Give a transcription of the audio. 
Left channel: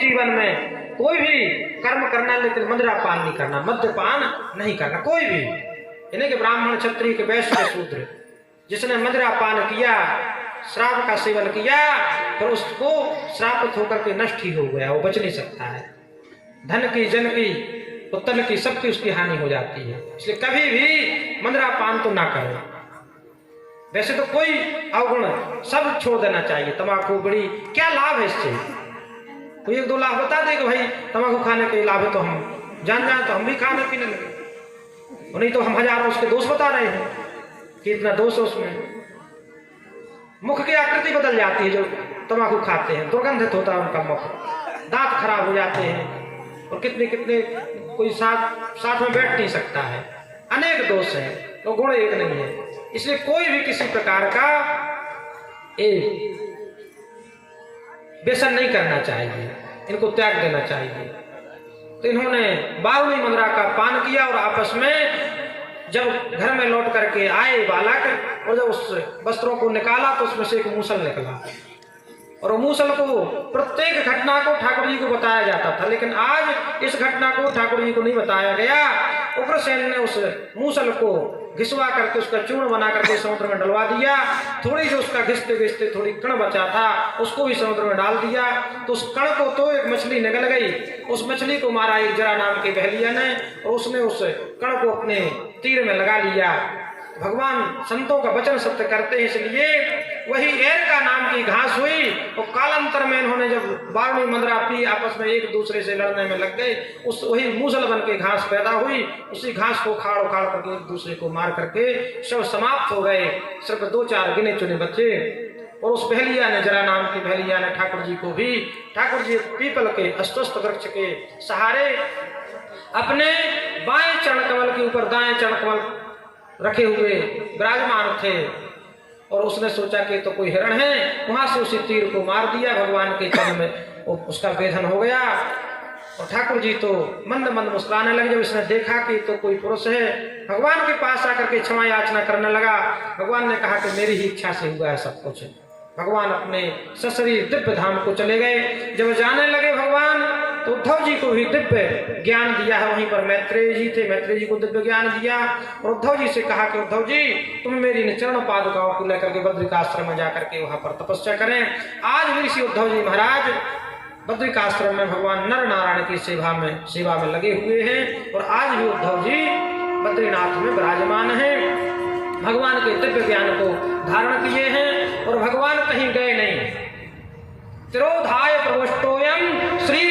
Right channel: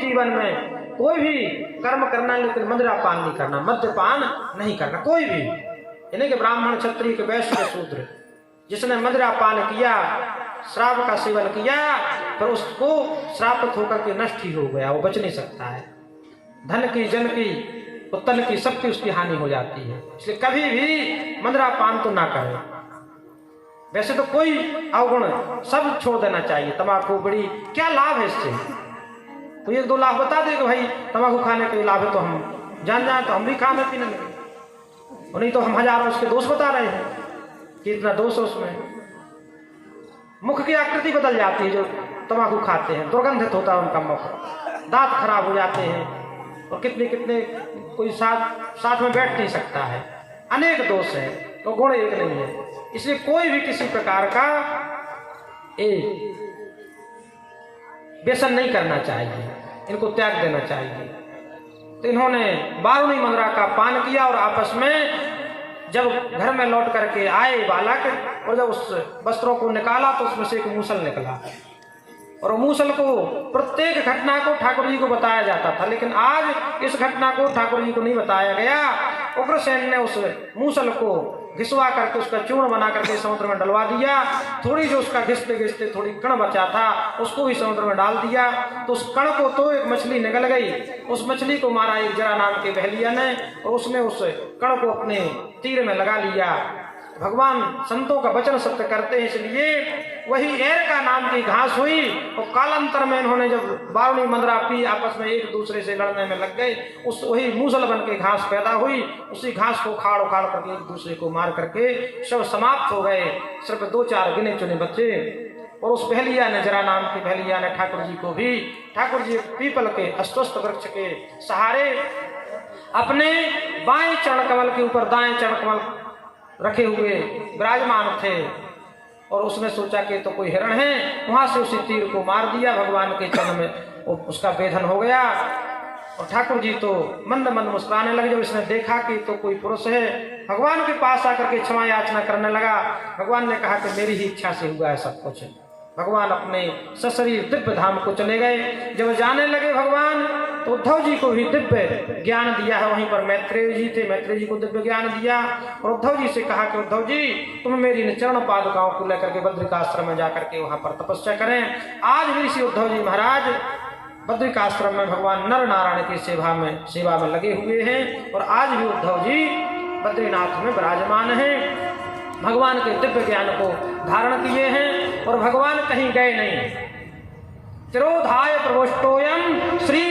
जीवन में कोई भी कर्म करना, लेकिन मदिरापान नहीं करना, मद्यपान नहीं करना कोई भी। यानी कि ब्राह्मण, क्षत्रिय के, वैश्य के, शूद्र, जिसने मदिरापान किया, श्राप का सेवन किया, पर उसको श्रापित होकर के नष्ट ही हो गया, वो बच नहीं सकता है। धन की, जन की, उत्तन की, सबकी उसकी हानि हो जाती है। इसलिए कभी भी मदिरापान तो ना करें। वैसे तो कोई अवगुण सब छोड़ देना चाहिए। तंबाकू, बीड़ी, क्या लाभ है इससे? कोई एक दो लाभ बता दे कि भाई तंबाकू खाने के लाभ है, तो हम जान जाए तो हम भी खाने पीने लगे। नहीं तो हम हजारों उसके दोष बता रहे हैं कि इतना दोष है उसमें। मुख की आकृति बदल जाती है जो तंबाकू खाते हैं, दुर्गंधित होता है उनका मुख, दांत खराब हो जाते हैं, और कितने कितने कोई साथ में बैठ नहीं सकता है। अनेक दोष है, तो गुण एक नहीं है। इसलिए कोई भी किसी प्रकार का व्यसन नहीं करना चाहिए, इनको त्याग देना चाहिए। तो इन्होंने बारूणी मंद्रा का पान किया, और आपस में जब घर में लौट करके आए बालक, और जब उस वस्त्रों को निकाला तो उसमें से एक मूसल निकला, और वो मूसल को, प्रत्येक घटना को ठाकुर जी को बताया जाता था, लेकिन आज इस घटना को ठाकुर जी को नहीं बताया गया। उग्रसेन ने उस मूसल को घिसवा करके उसका चूर्ण बना करके समुद्र में डलवा दिया। थोड़ी जो उसका घिसते घिसते थोड़ी कण बचा था उसको भी समुद्र में डाल दिया, तो उस कण को तो एक मछली निकल गई। उस मछली को मारा एक जरा नाम के बहलिया ने, और उसने उस कण को अपने तीर में लगा लिया। भगवान संतों का वचन सत्य करते हैं, इसलिए वही एरका नाम की घास हुई, और कालांतर में इन्होंने जब बारूणी मंद्रा पी, आपस में एक दूसरे से लड़ने में लग गए। उस वही मूसल बन के घास पैदा हुई, उसी घास को उखाड़ उखाड़ करके एक दूसरे को मार करके शव समाप्त हो गए। सिर्फ 2-4 गिने चुने बच्चे। और उस बहलिया ने, जरा नाम की बहलिया ने ठाकुर जी को भी, ठाकुर जी पीपल के अश्वत्थ वृक्ष के सहारे अपने बाएं चरण कमल के ऊपर दाएं चरण कमल रखे हुए विराजमान थे, और उसने सोचा कि तो कोई हिरण है, वहां से उसी तीर को मार दिया। भगवान के चरण में उसका वेधन हो गया, और ठाकुर जी तो मंद मंद मुस्कुराने लगे। जब इसने देखा कि तो कोई पुरुष है, भगवान के पास आकर के क्षमा याचना करने लगा। भगवान ने कहा कि मेरी ही इच्छा से हुआ है सब कुछ। भगवान अपने सशरीर दिव्य धाम को चले गए। जब जाने लगे भगवान, तो उद्धव जी को भी दिव्य ज्ञान दिया है। वहीं पर मैत्रेय जी थे, मैत्रेय जी को दिव्य ज्ञान दिया, और उद्धव जी से कहा कि उद्धव जी तुम मेरी चरण पादुकाओं को लेकर के बद्रिकाश्रम में जाकर के वहां पर तपस्या करें। आज भी ऋषि उद्धव जी महाराज बद्रिकाश्रम में भगवान नर नारायण की सेवा में लगे हुए हैं, और आज भी उद्धव जी बद्रीनाथ में विराजमान हैं, भगवान के दिव्य ज्ञान को धारण किए हैं, और भगवान कहीं गए नहीं। तिरोधाय प्रविष्टोयम श्री